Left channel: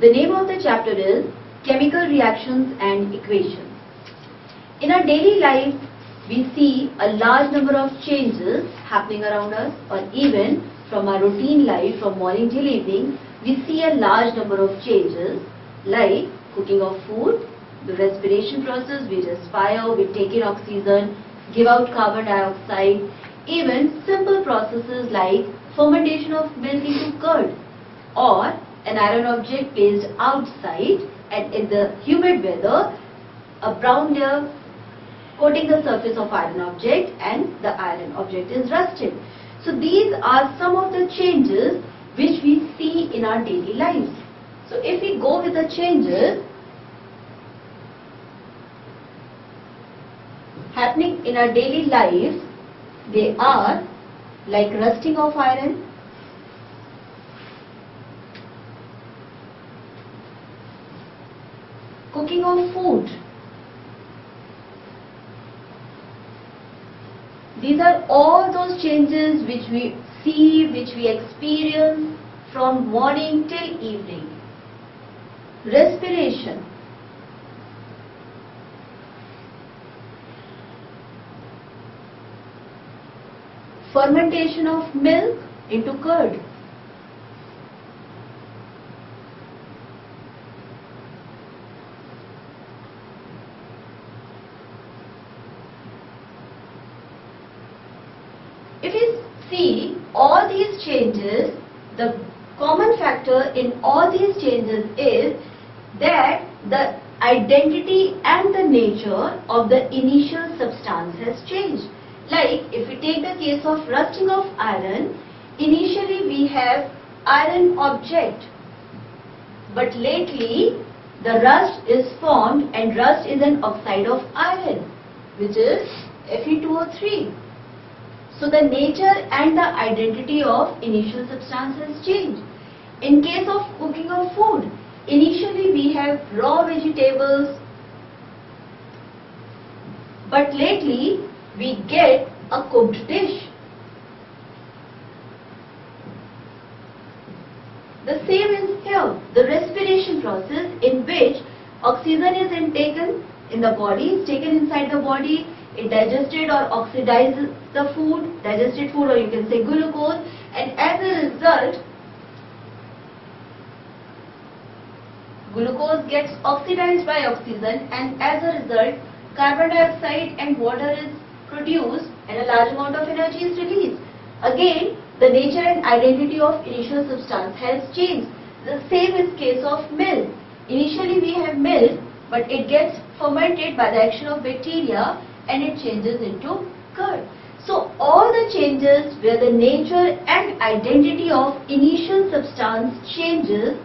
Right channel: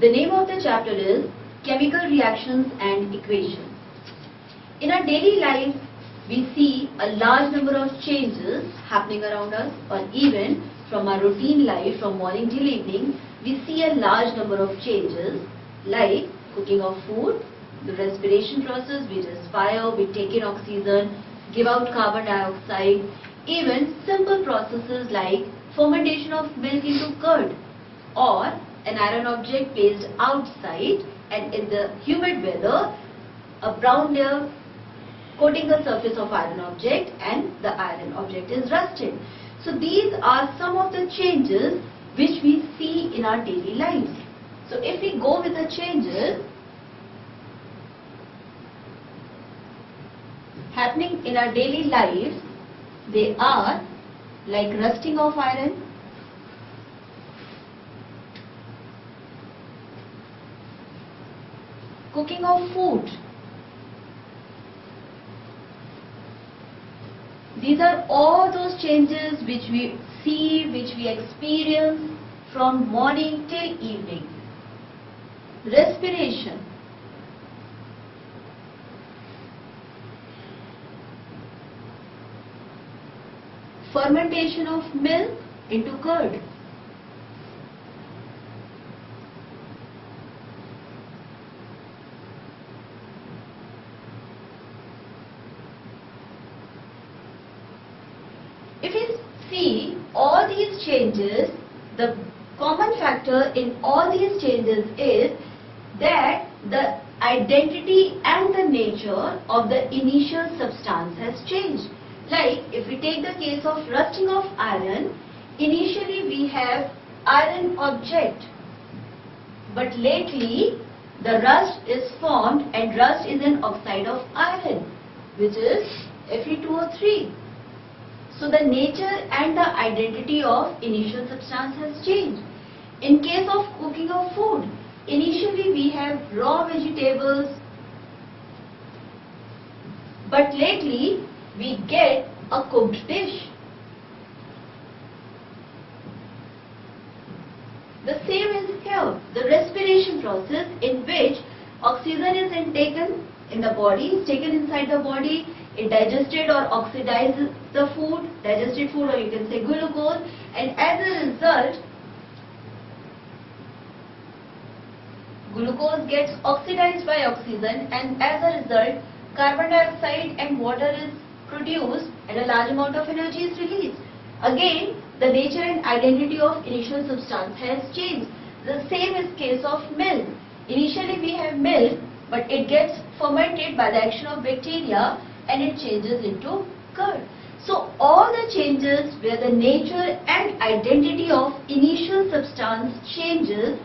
The name of the chapter is Chemical Reactions and Equations. In our daily lives, we see a large number of changes happening around us, or even from our routine life from morning till evening, we see a large number of changes like cooking of food, the respiration process, we respire, we take in oxygen, give out carbon dioxide, even simple processes like fermentation of milk into curd, or an iron object placed outside and in the humid weather, a brown layer coating the surface of iron object and the iron object is rusted. So these are some of the changes which we see in our daily lives. So if we go with the changes happening in our daily lives, they are like rusting of iron, cooking of food. These are all those changes which we see, which we experience from morning till evening. Respiration. Fermentation of milk into curd. If you see all these changes, the common factor in all these changes is that the identity and the nature of the initial substance has changed. Like if we take the case of rusting of iron, initially we have iron object, but lately the rust is formed, and rust is an oxide of iron, which is Fe2O3. So the nature and the identity of initial substance has changed. In case of cooking of food, initially we have raw vegetables, but lately we get a cooked dish. The same is here, the respiration process in which oxygen is intaken in the body, is taken inside the body, it digested or oxidizes the food, digested food, or you can say glucose, and as a result, glucose gets oxidized by oxygen, and as a result, carbon dioxide and water is produced and a large amount of energy is released. Again, the nature and identity of initial substance has changed. The same is case of milk. Initially we have milk, but it gets fermented by the action of bacteria and it changes into curd. So all the changes where the nature and identity of initial substance changes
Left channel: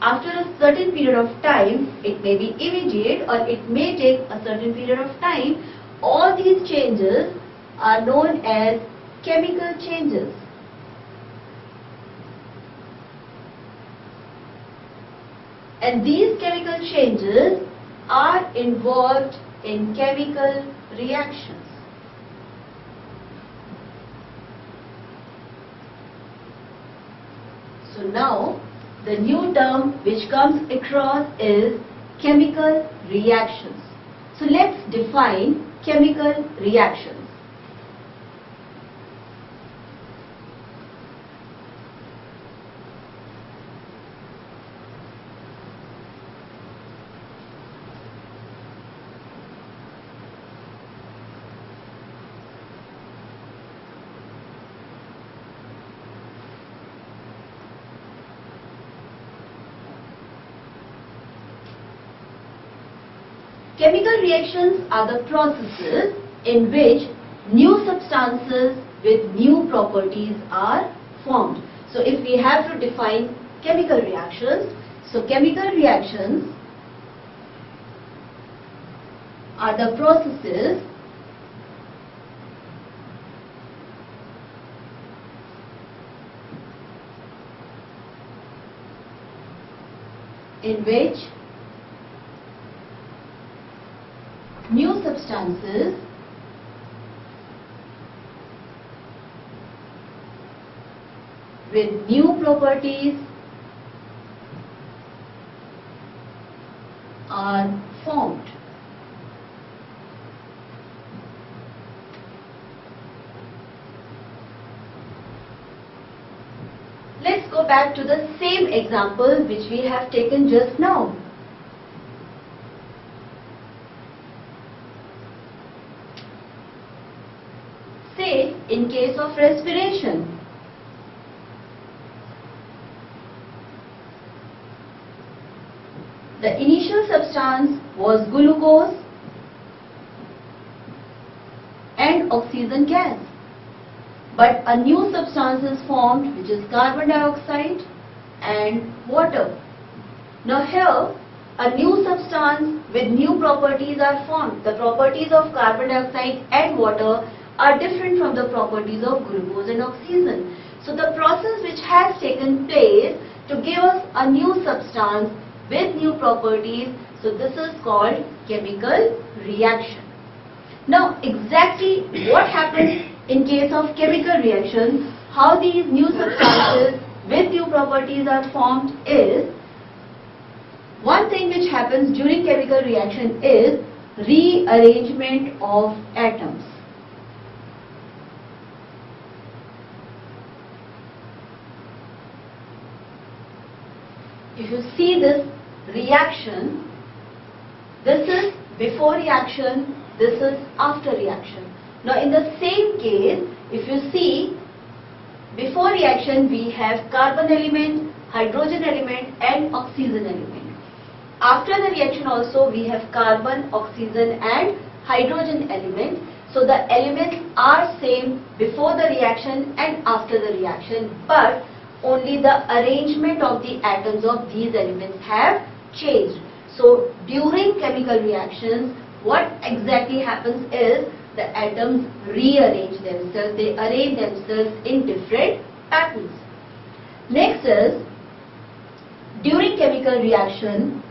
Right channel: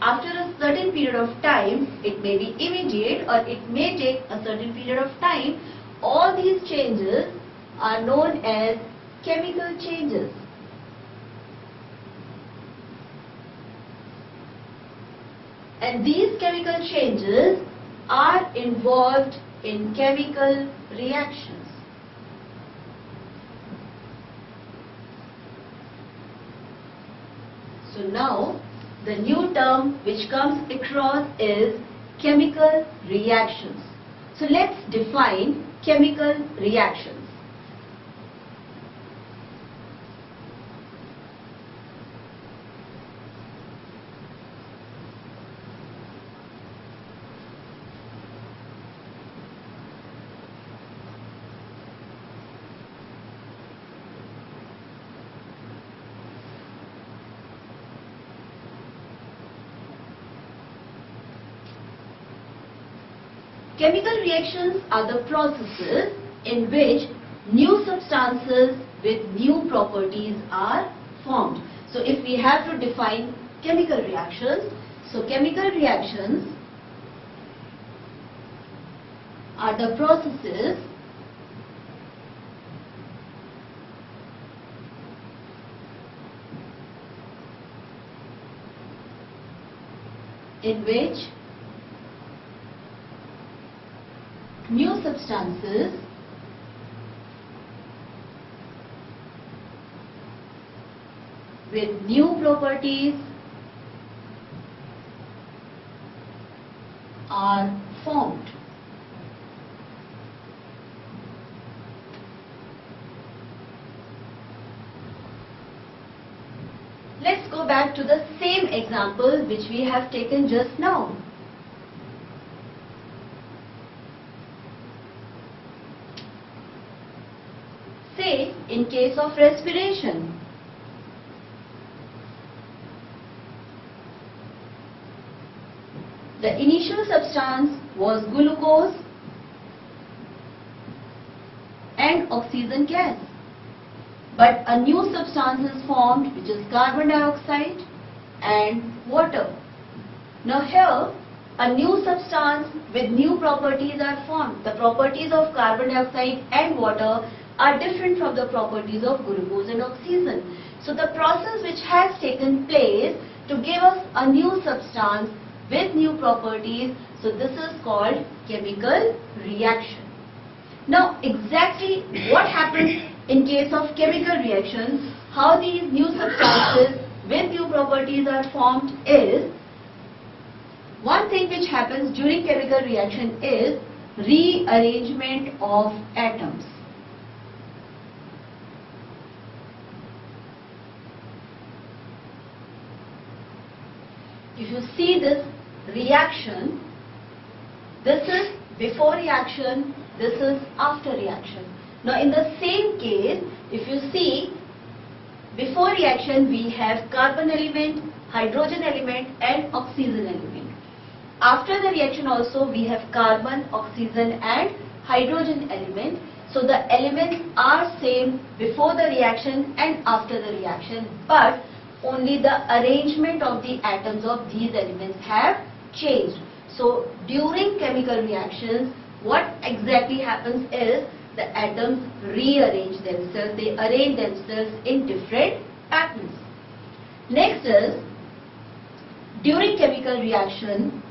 after a certain period of time, it may be immediate or it may take a certain period of time, all these changes are known as chemical changes. And these chemical changes are involved in chemical reactions. So now the new term which comes across is chemical reactions. So let's define chemical reactions. Chemical reactions are the processes in which new substances with new properties are formed. So if we have to define chemical reactions, so chemical reactions are the processes in which new substances with new properties are formed. Let's go back to the same example which we have taken just now. Say, in case of respiration, the initial substance was glucose and oxygen gas. But a new substance is formed, which is carbon dioxide and water. Now here, a new substance with new properties are formed. The properties of carbon dioxide and water are different from the properties of glucose and oxygen. So the process which has taken place to give us a new substance with new properties, so this is called chemical reaction. Now exactly what happens in case of chemical reaction, how these new substances with new properties are formed is, one thing which happens during chemical reaction is rearrangement of atoms. If you see this reaction, this is before reaction, this is after reaction. Now in the same case, if you see, before reaction we have carbon element, hydrogen element and oxygen element. After the reaction also we have carbon, oxygen and hydrogen element. So the elements are same before the reaction and after the reaction, but only the arrangement of the atoms of these elements have changed. So during chemical reactions, what exactly happens is the atoms rearrange themselves, they arrange themselves in different patterns. Next is, during chemical reaction,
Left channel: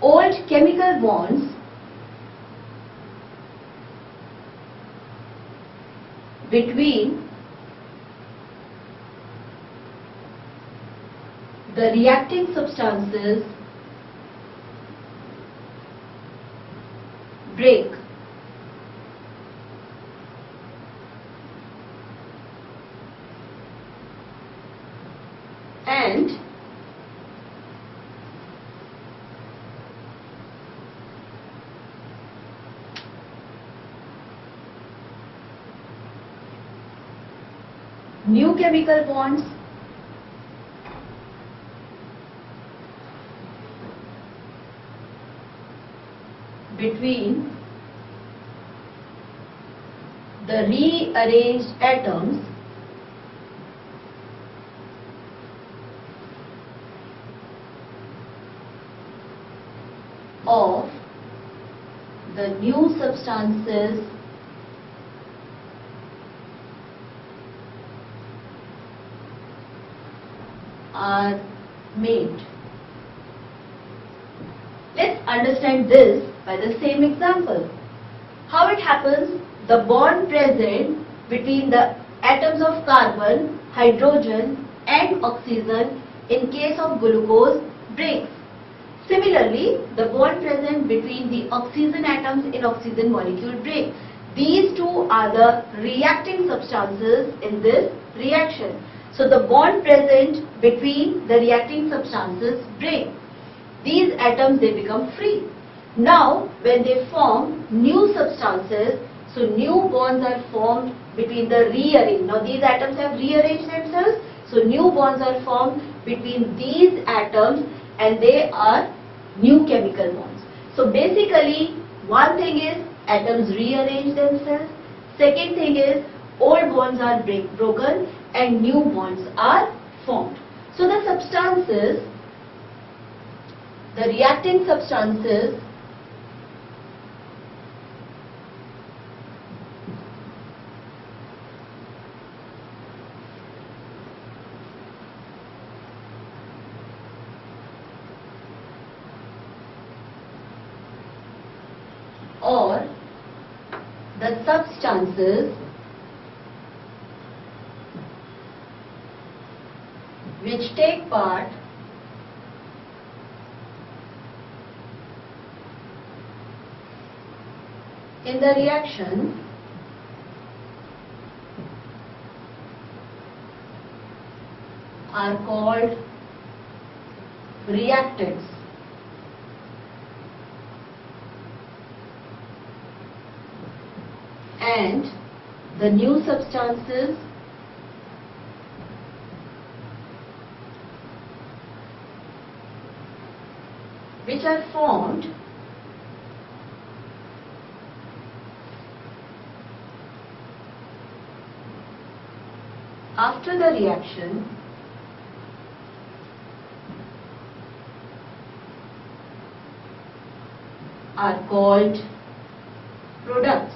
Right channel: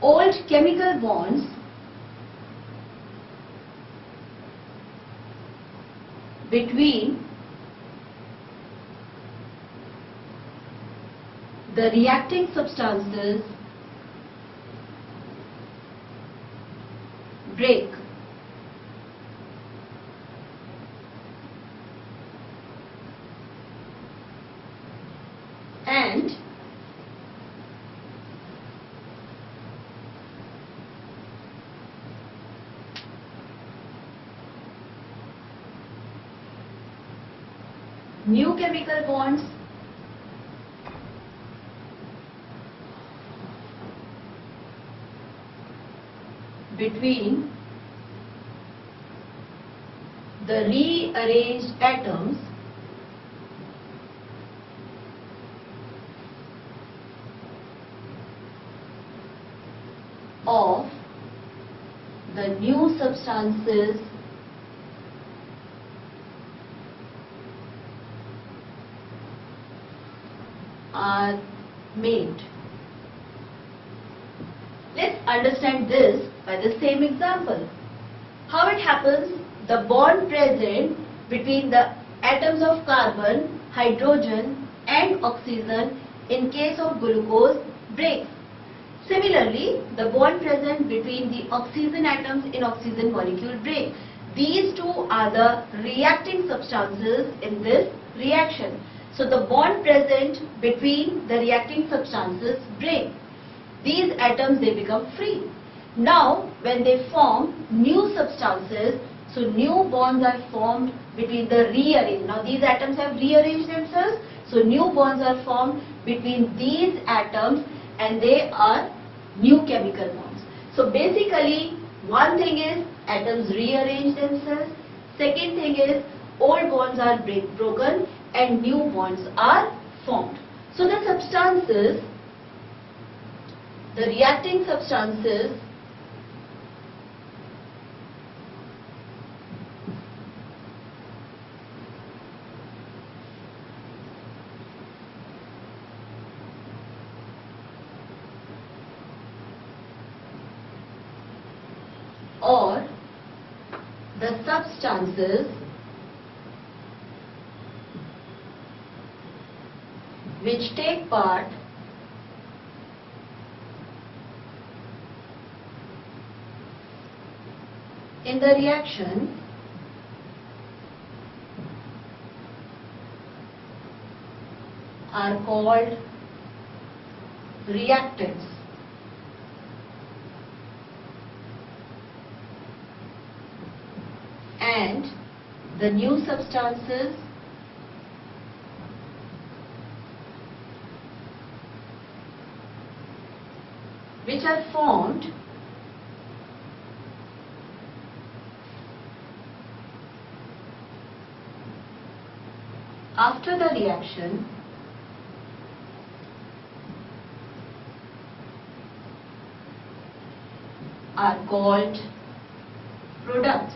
old chemical bonds between the reacting substances break. And new chemical bonds between the rearranged atoms of the new substances are made. Let's understand this by the same example. How it happens? The bond present between the atoms of carbon, hydrogen and oxygen in case of glucose breaks. Similarly, the bond present between the oxygen atoms in oxygen molecule break. These two are the reacting substances in this reaction. So the bond present between the reacting substances break. These atoms, they become free. Now when they form new substances, so new bonds are formed between the rearranged. Now these atoms have rearranged themselves, so new bonds are formed between these atoms and they are new chemical bonds. So basically one thing is atoms rearrange themselves, second thing is old bonds are broken and new bonds are formed. So the substances, the reacting substances or the substances which take part in the reaction are called reactants. And the new substances which are formed after the reaction are called products.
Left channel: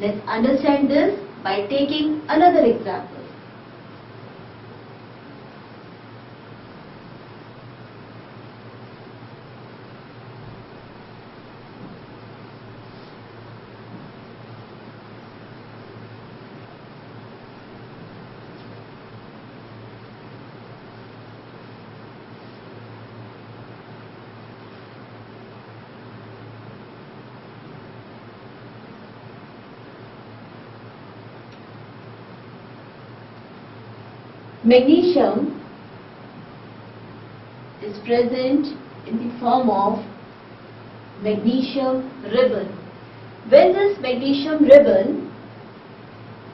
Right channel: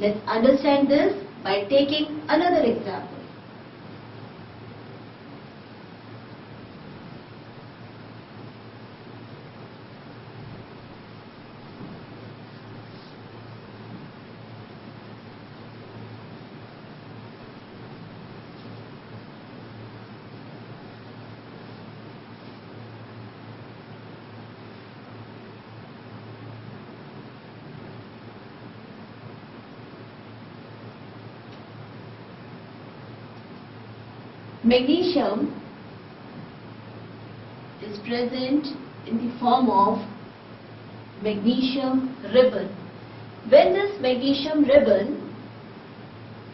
Let's understand this by taking another example. Magnesium is present in the form of magnesium ribbon. When this magnesium ribbon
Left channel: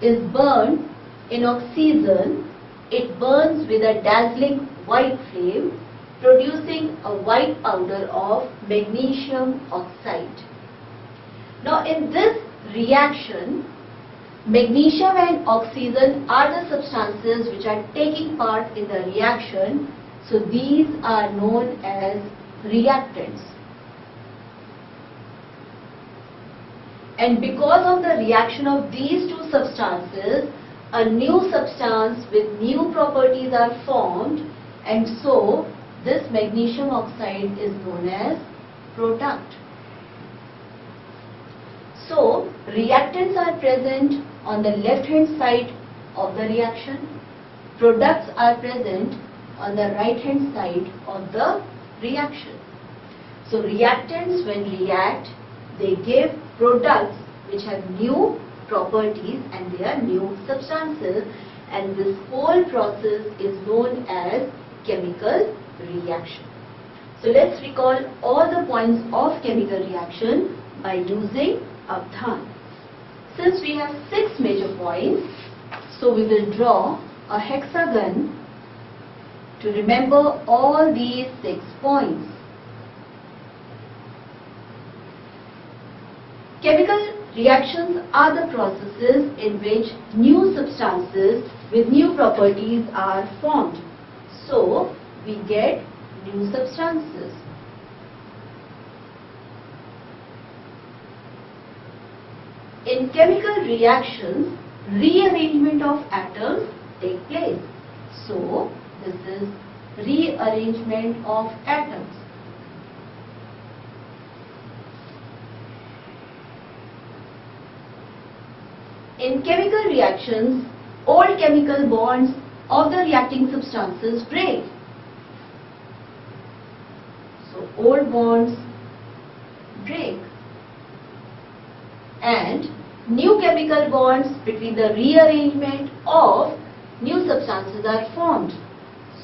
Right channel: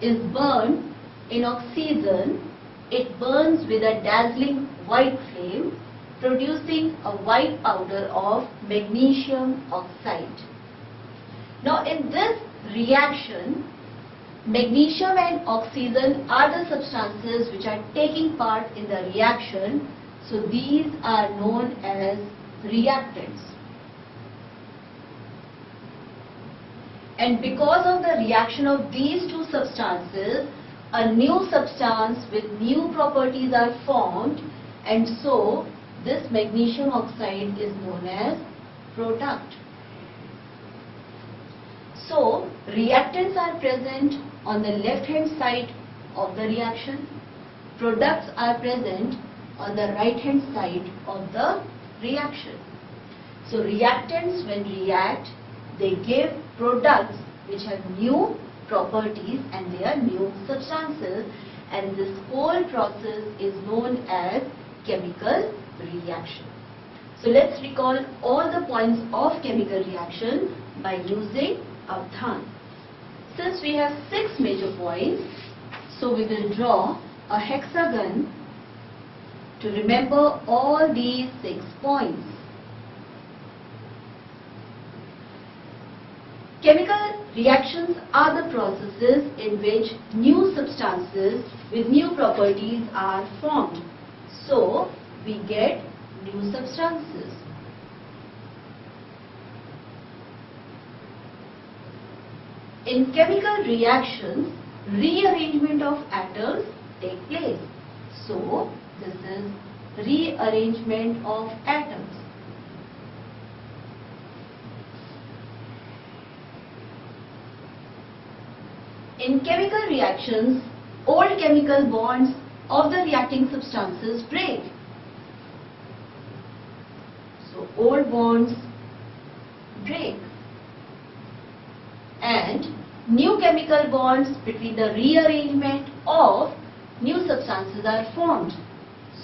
is burned in oxygen, it burns with a dazzling white flame, producing a white powder of magnesium oxide. Now in this reaction, magnesium and oxygen are the substances which are taking part in the reaction, so these are known as reactants. And because of the reaction of these two substances, a new substance with new properties are formed, and so this magnesium oxide is known as product. So, reactants are present on the left hand side of the reaction. Products are present on the right hand side of the reaction. So, reactants when react, they give products which have new properties and they are new substances, and this whole process is known as chemical reaction. So, let's recall all the points of chemical reaction by using Avdhan. Since we have 6 major points, so we will draw a hexagon to remember all these 6 points. Chemical reactions are the processes in which new substances with new properties are formed. So, we get new substances. In chemical reactions, rearrangement of atoms take place. So, this is rearrangement of atoms. In chemical reactions, old chemical bonds of the reacting substances break. So, old bonds break. And new chemical bonds between the rearrangement of new substances are formed.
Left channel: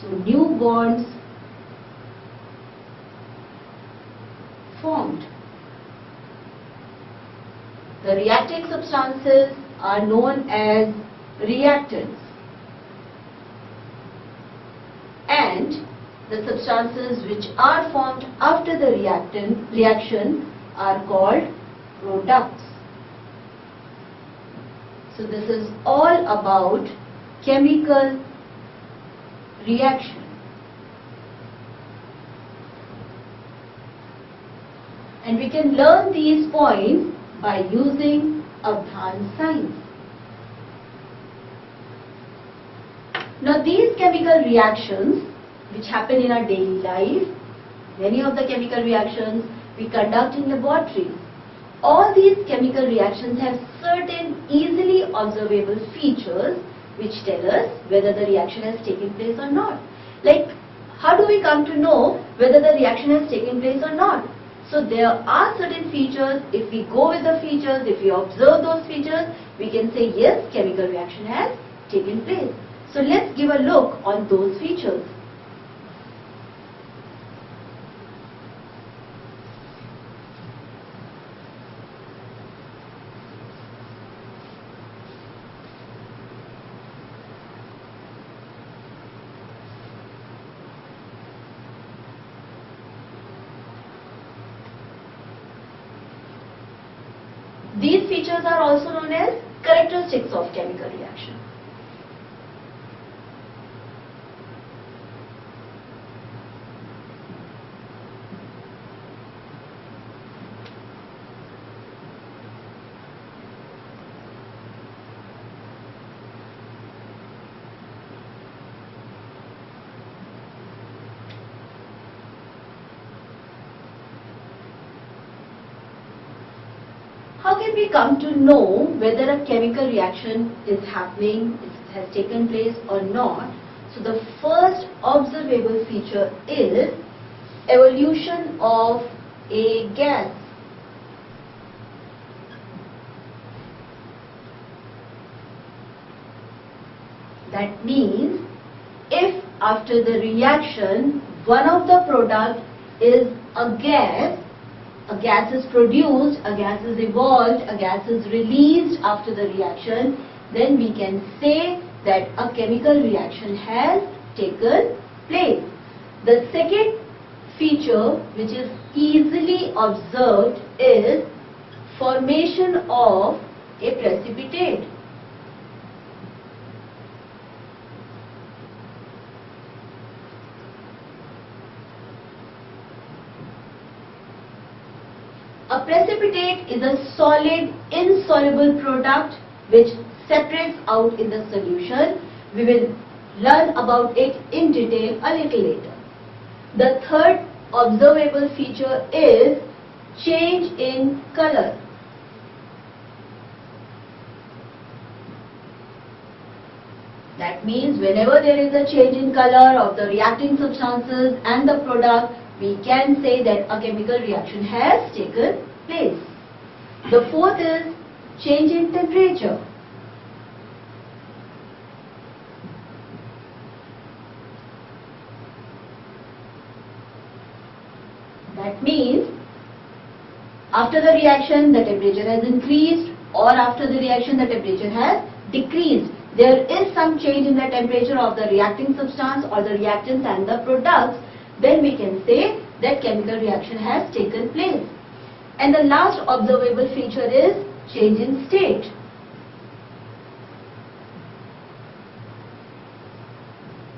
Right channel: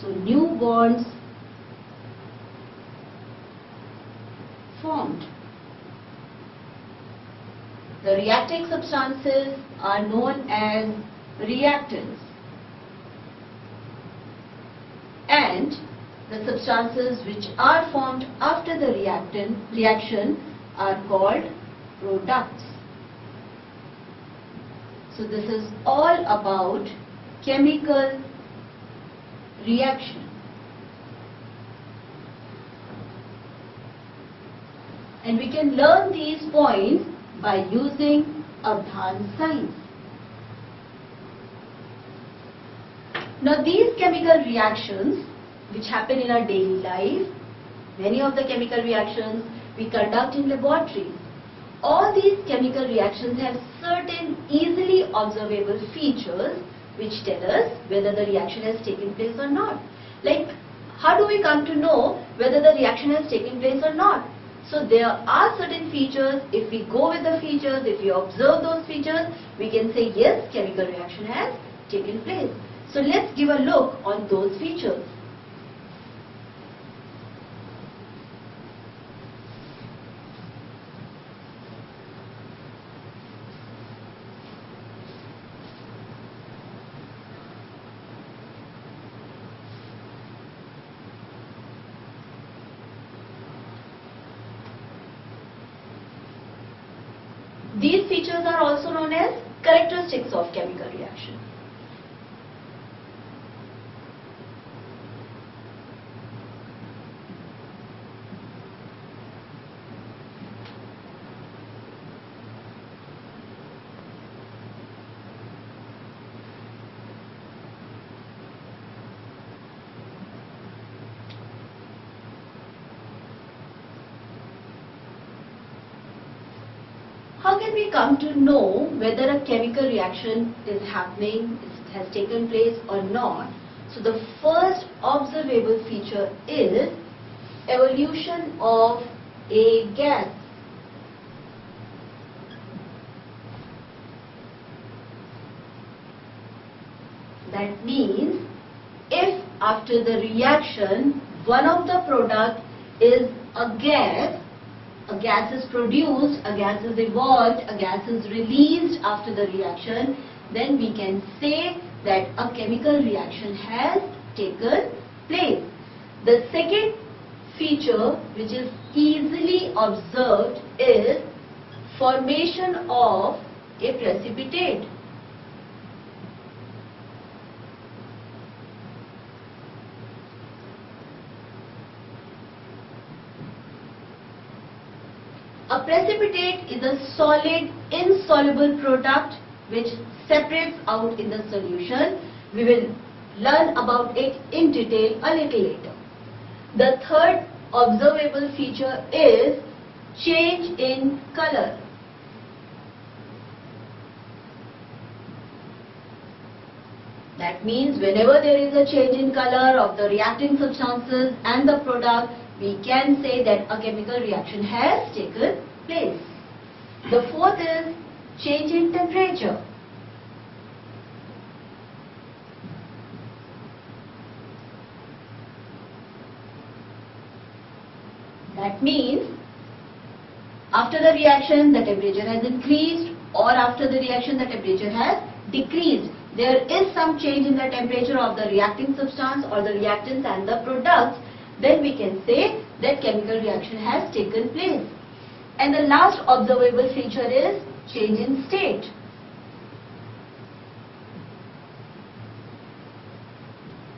So, new bonds formed. The reacting substances are known as reactants, and the substances which are formed after the reaction are called products. So, this is all about chemical reaction. And we can learn these points by using Avdhan signs. Now, these chemical reactions which happen in our daily life, many of the chemical reactions we conduct in laboratories. All these chemical reactions have certain easily observable features which tell us whether the reaction has taken place or not. Like how do we come to know whether the reaction has taken place or not? So there are certain features. If we go with the features, if we observe those features, we can say yes, chemical reaction has taken place. So let's give a look on those features. These features are also known as characteristics of chemical reaction. How can we come to know whether a chemical reaction is happening, has taken place or not? So the first observable feature is evolution of a gas. That means if after the reaction one of the product is a gas is produced, a gas is evolved, a gas is released after the reaction, then we can say that a chemical reaction has taken place. The second feature which is easily observed is formation of a precipitate. A precipitate is a solid, insoluble product which separates out in the solution. We will learn about it in detail a little later. The third observable feature is change in color. That means whenever there is a change in color of the reacting substances and the product, we can say that a chemical reaction has taken place. The fourth is change in temperature. That means after the reaction the temperature has increased, or after the reaction the temperature has decreased. There is some change in the temperature of the reacting substance or the reactants and the products, then we can say that chemical reaction has taken place. And the last observable feature is change in state.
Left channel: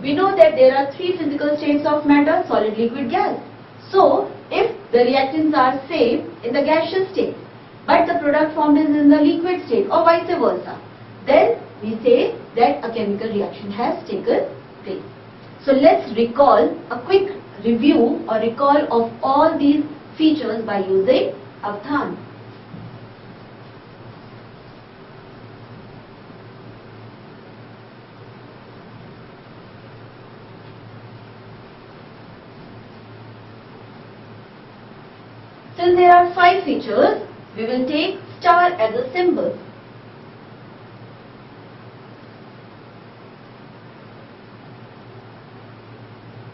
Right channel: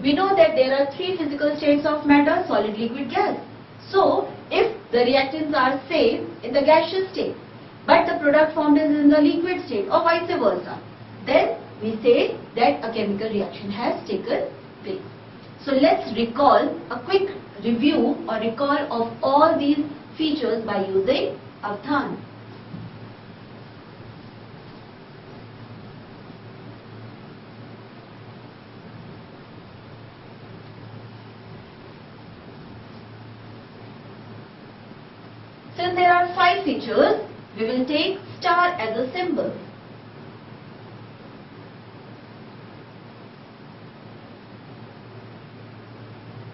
We know that there are three physical states of matter: solid, liquid, gas. So if the reactants are same in the gaseous state, but the product formed is in the liquid state, or vice versa, then we say that a chemical reaction has taken place. So let's recall a quick review or recall of all these features by using Avdhan. Since there are 5 features, we will take star as a symbol.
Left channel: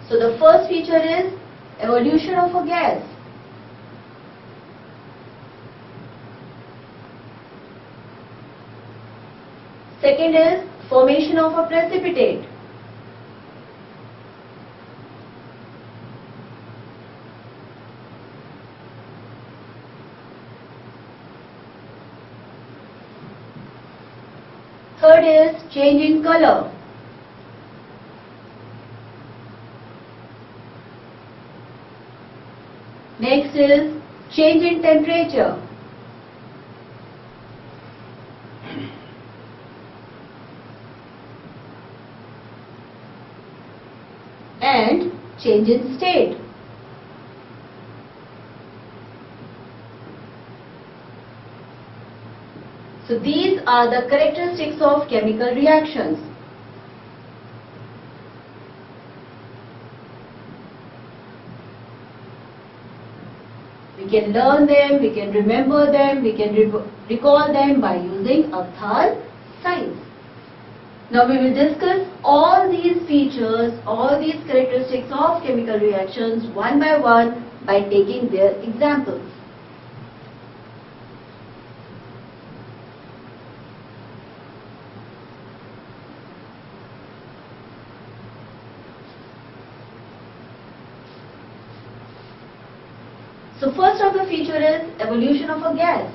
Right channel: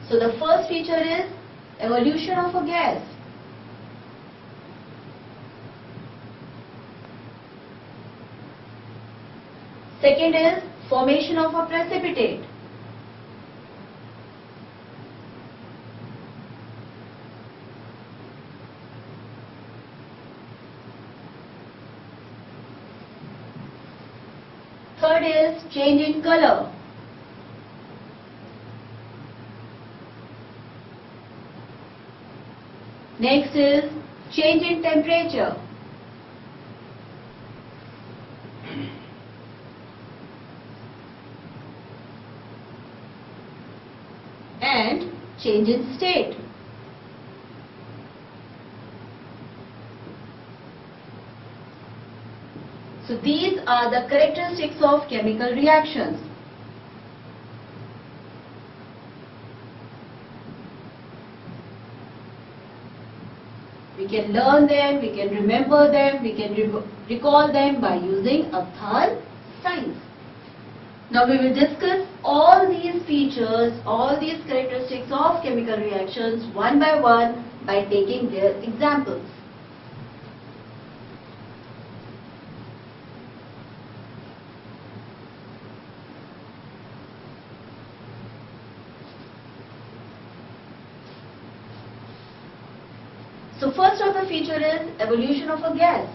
So the first feature is evolution of a gas. Second is formation of a precipitate. Third is change in color. Next is change in temperature. And change in state. So these are the characteristics of chemical reactions. can learn them, we can remember them, we can recall them by using Avdhan signs. Now we will discuss all these features, all these characteristics of chemical reactions one by taking their examples. So first of the feature is evolution of a gas.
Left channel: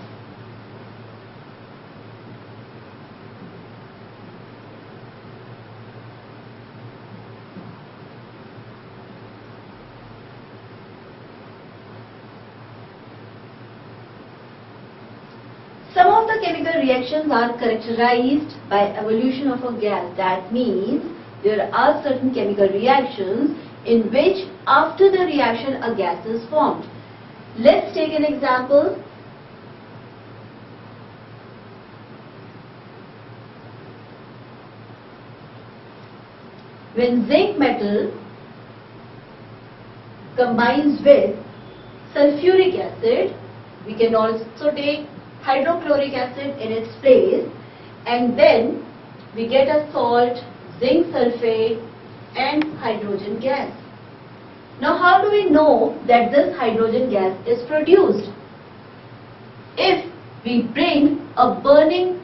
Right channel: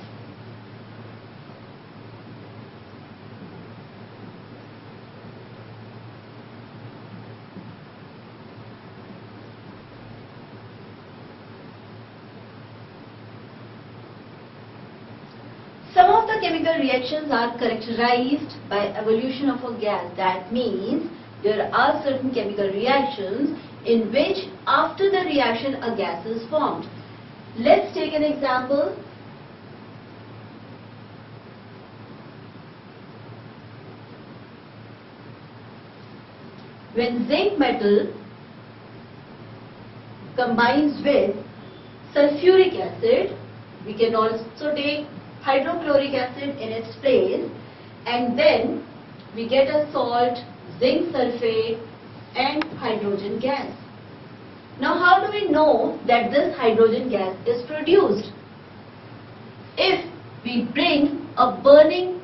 Some of the chemical reactions are characterized by evolution of a gas. That means there are certain chemical reactions in which after the reaction a gas is formed. Let's take an example. When zinc metal combines with sulfuric acid, we can also take hydrochloric acid in its place, and then we get a salt, zinc sulfate and hydrogen gas. Now how do we know that this hydrogen gas is produced? If we bring a burning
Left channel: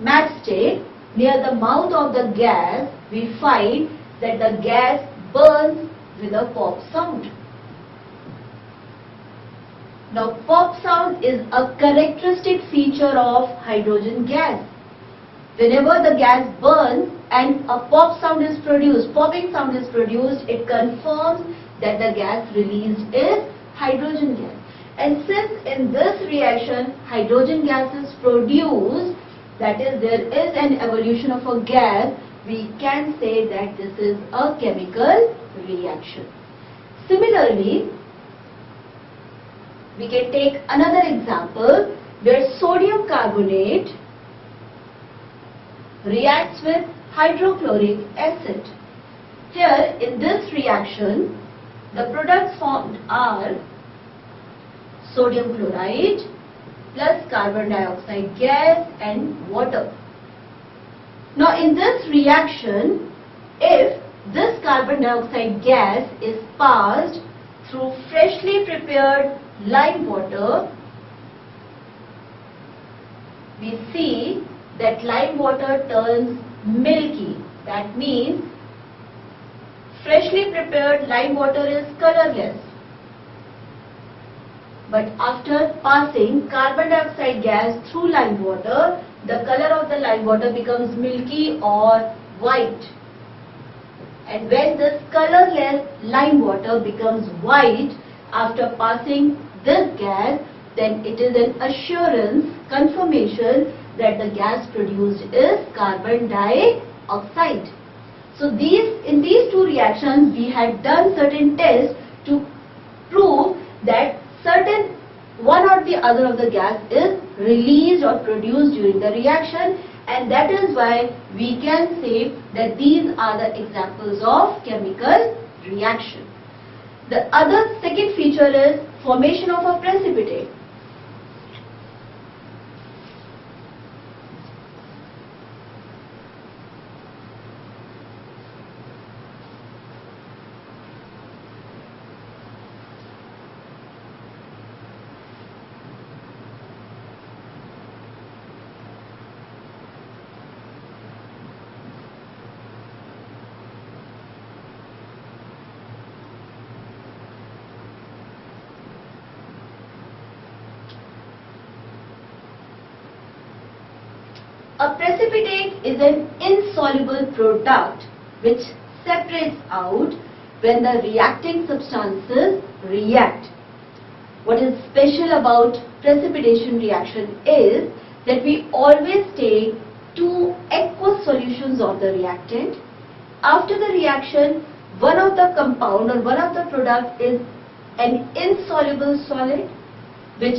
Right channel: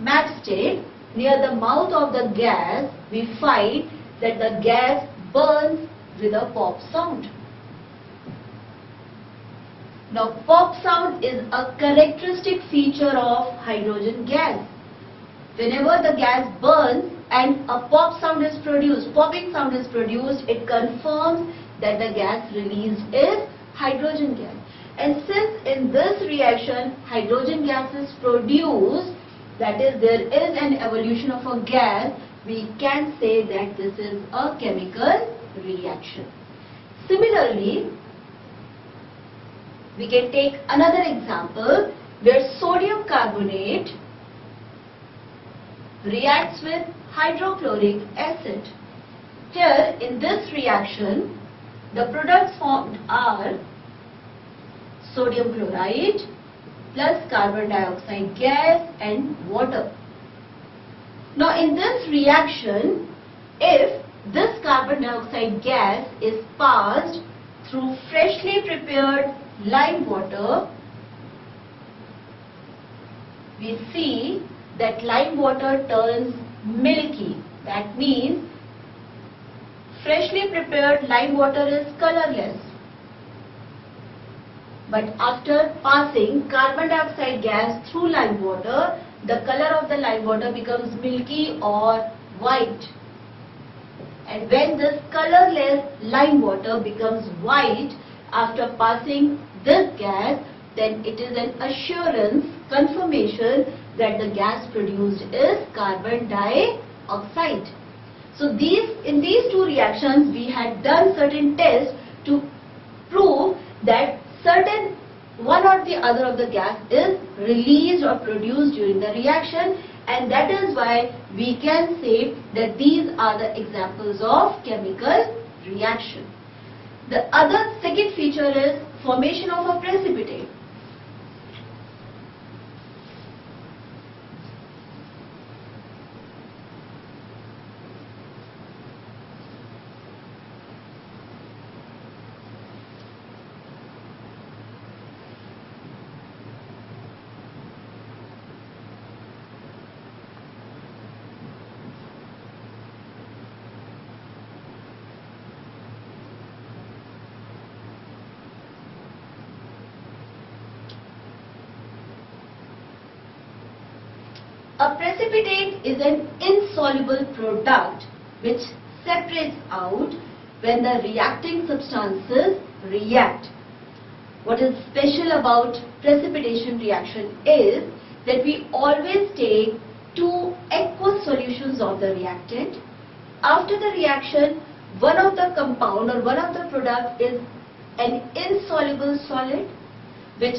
matchstick near the mouth of the gas, we find that the gas burns with a pop sound. Now pop sound is a characteristic feature of hydrogen gas. Whenever the gas burns and a pop sound is produced, popping sound is produced, it confirms that the gas released is hydrogen gas. And since in this reaction hydrogen gas is produced, that is, there is an evolution of a gas, we can say that this is a chemical reaction. Similarly, we can take another example where sodium carbonate reacts with hydrochloric acid. Here in this reaction, the products formed are sodium chloride plus carbon dioxide gas and water. Now in this reaction, if this carbon dioxide gas is passed through freshly prepared lime water, we see that lime water turns milky. That means freshly prepared lime water is colorless. But after passing carbon dioxide gas through lime water, the color of the lime water becomes milky or white. And when this colorless lime water becomes white after passing this gas, then it is an assurance, confirmation that the gas produced is carbon dioxide. So in these two reactions we had done certain tests to prove that certain one or the other of the gas is released or produced during the reaction, and that is why we can say that these are the examples of chemical reaction. The other second feature is formation of a precipitate. A precipitate is an insoluble product which separates out when the reacting substances react. What is special about precipitation reaction is that we always take two aqueous solutions of the reactant. After the reaction, one of the compound or one of the product is an insoluble solid which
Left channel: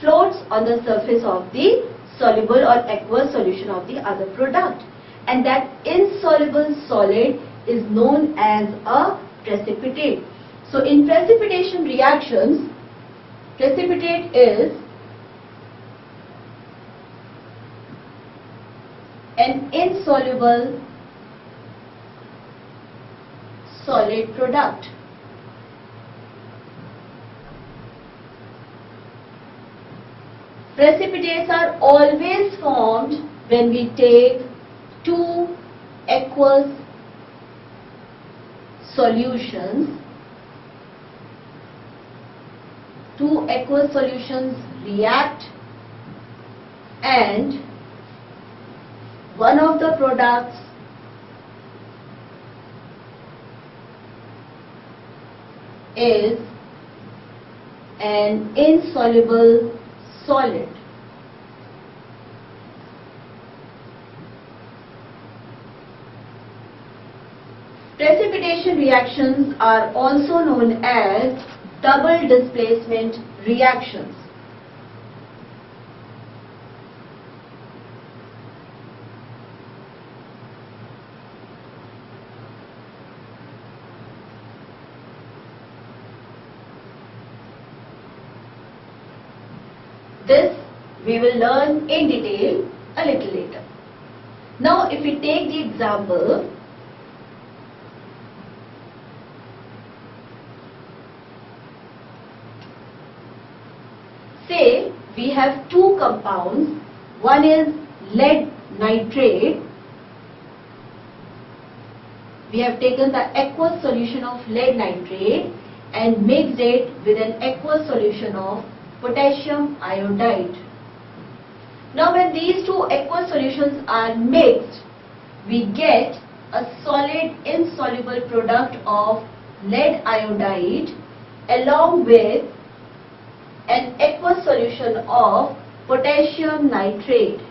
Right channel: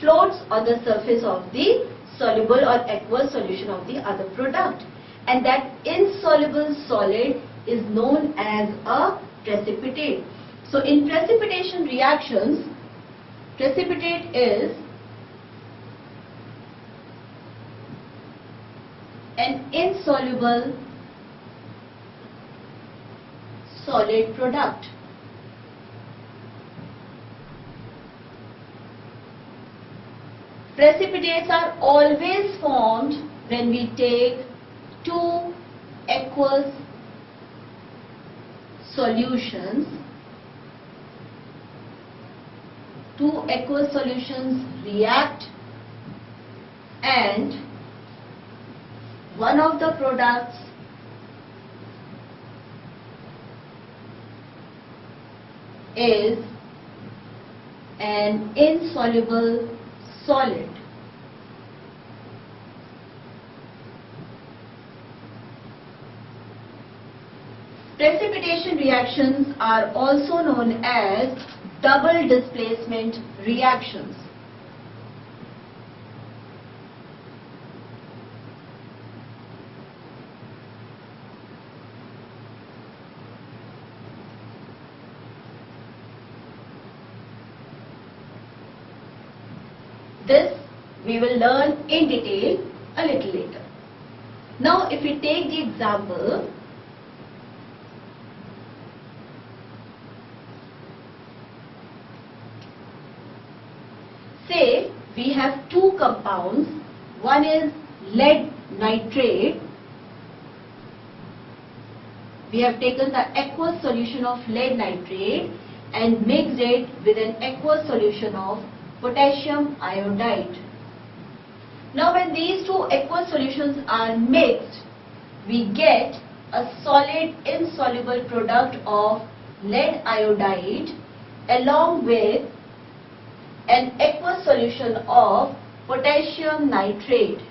floats on the surface of the soluble or aqueous solution of the other product, and that insoluble solid is known as a precipitate. So in precipitation reactions, Precipitate is an insoluble solid product. Precipitates are always formed when we take two aqueous solutions. Two aqueous solutions react and one of the products is an insoluble solid. Precipitation reactions are also known as double displacement reactions. This we will learn in detail a little later. Now if we take the example, say we have two compounds, one is lead nitrate. We have taken the aqueous solution of lead nitrate and mixed it with an aqueous solution of potassium iodide. Now when these two aqueous solutions are mixed, we get a solid insoluble product of lead iodide along with an aqueous solution of potassium nitrate.